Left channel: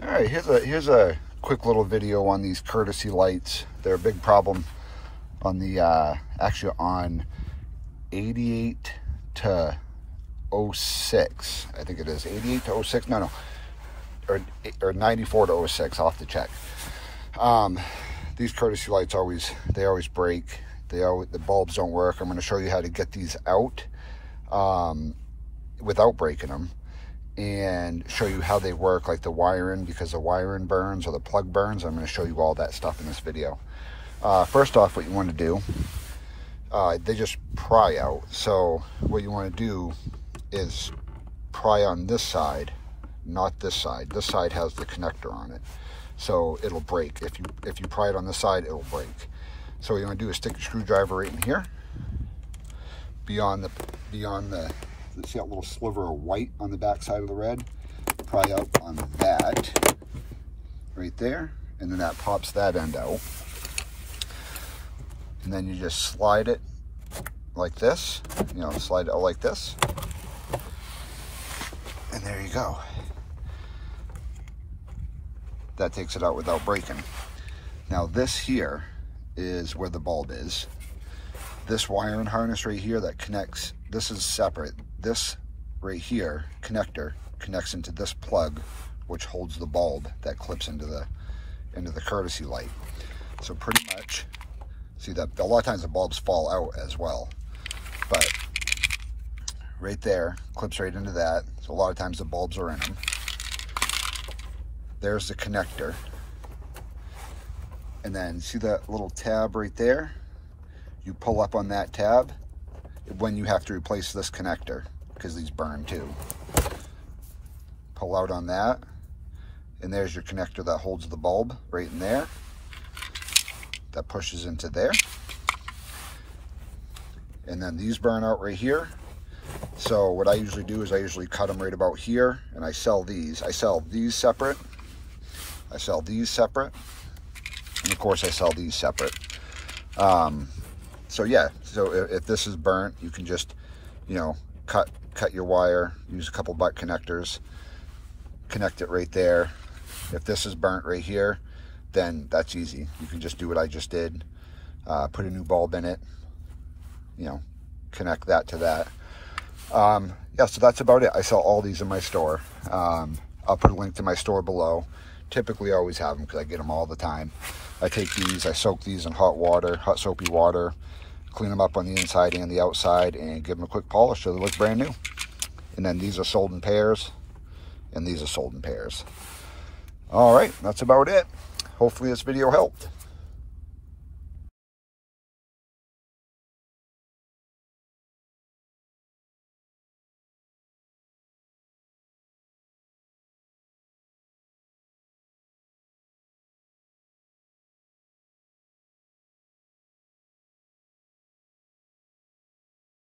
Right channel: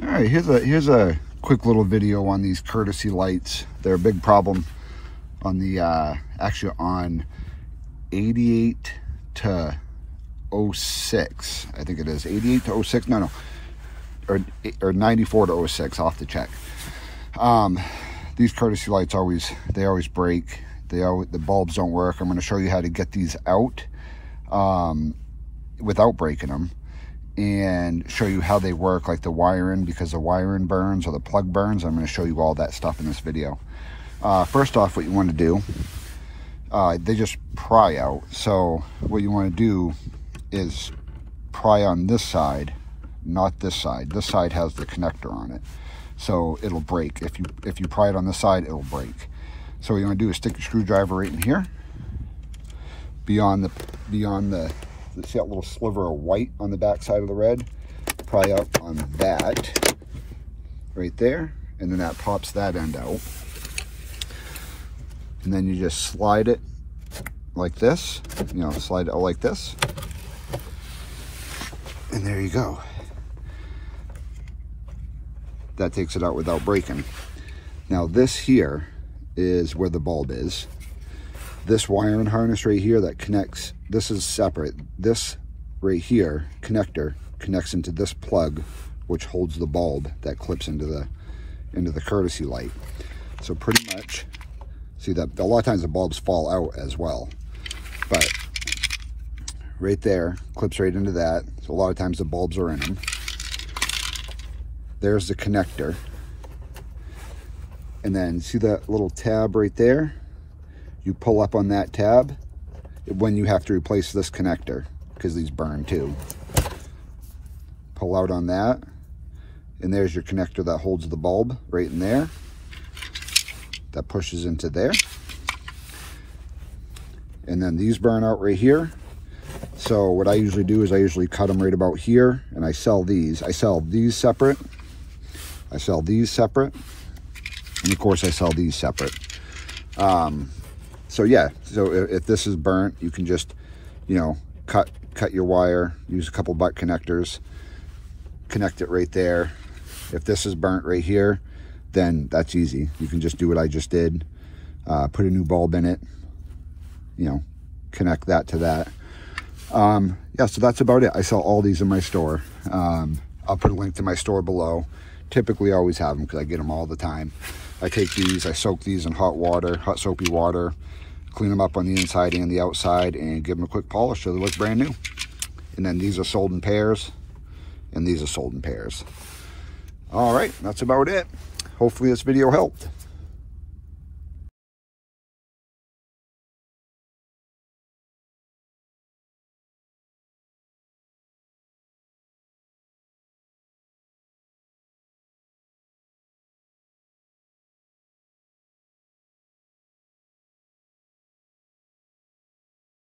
All right, here's a quick little video on these courtesy lights. They're a big problem on the actually on 88 to 06, I think it is 88 to 06. No, or 94 to 06. I'll have to check. These courtesy lights always break. The bulbs don't work. I'm going to show you how to get these out without breaking them, and show you how they work, like the wiring, because the wiring burns or the plug burns. I'm going to show you all that stuff in this video. First off, what you want to do, they just pry out. So what you want to do is pry on this side, not this side. This side has the connector on it, so it'll break. If you pry it on this side, it'll break. So what you want to do is stick your screwdriver right in here, beyond the see that little sliver of white on the back side of the red. Pry out on that right there, and then that pops that end out. And then you just slide it like this, slide it out like this. And there you go. That takes it out without breaking. Now this here is where the bulb is. This wiring harness right here that connects, this is separate. This right here, connector, connects into this plug, which holds the bulb that clips into the courtesy light. So pretty much, see that a lot of times the bulbs fall out as well, but right there clips right into that. So a lot of times the bulbs are in them. There's the connector, and then see that little tab right there? You pull up on that tab when you have to replace this connector, because these burn too. Pull out on that, and there's your connector that holds the bulb right in there. That pushes into there. And then these burn out right here. So what I usually do is I usually cut them right about here, and I sell these. I sell these separate. I sell these separate. And of course I sell these separate. So yeah, so if this is burnt, you can just, cut your wire, use a couple butt connectors, connect it right there. If this is burnt right here, then that's easy. You can just do what I just did. Put a new bulb in it, connect that to that. Yeah, so that's about it. I sell all these in my store. I'll put a link to my store below. Typically I always have them because I get them all the time. I take these, I soak these in hot water, hot soapy water, clean them up on the inside and the outside, and give them a quick polish so they look brand new. And then these are sold in pairs, and these are sold in pairs. All right, that's about it. Hopefully this video helped.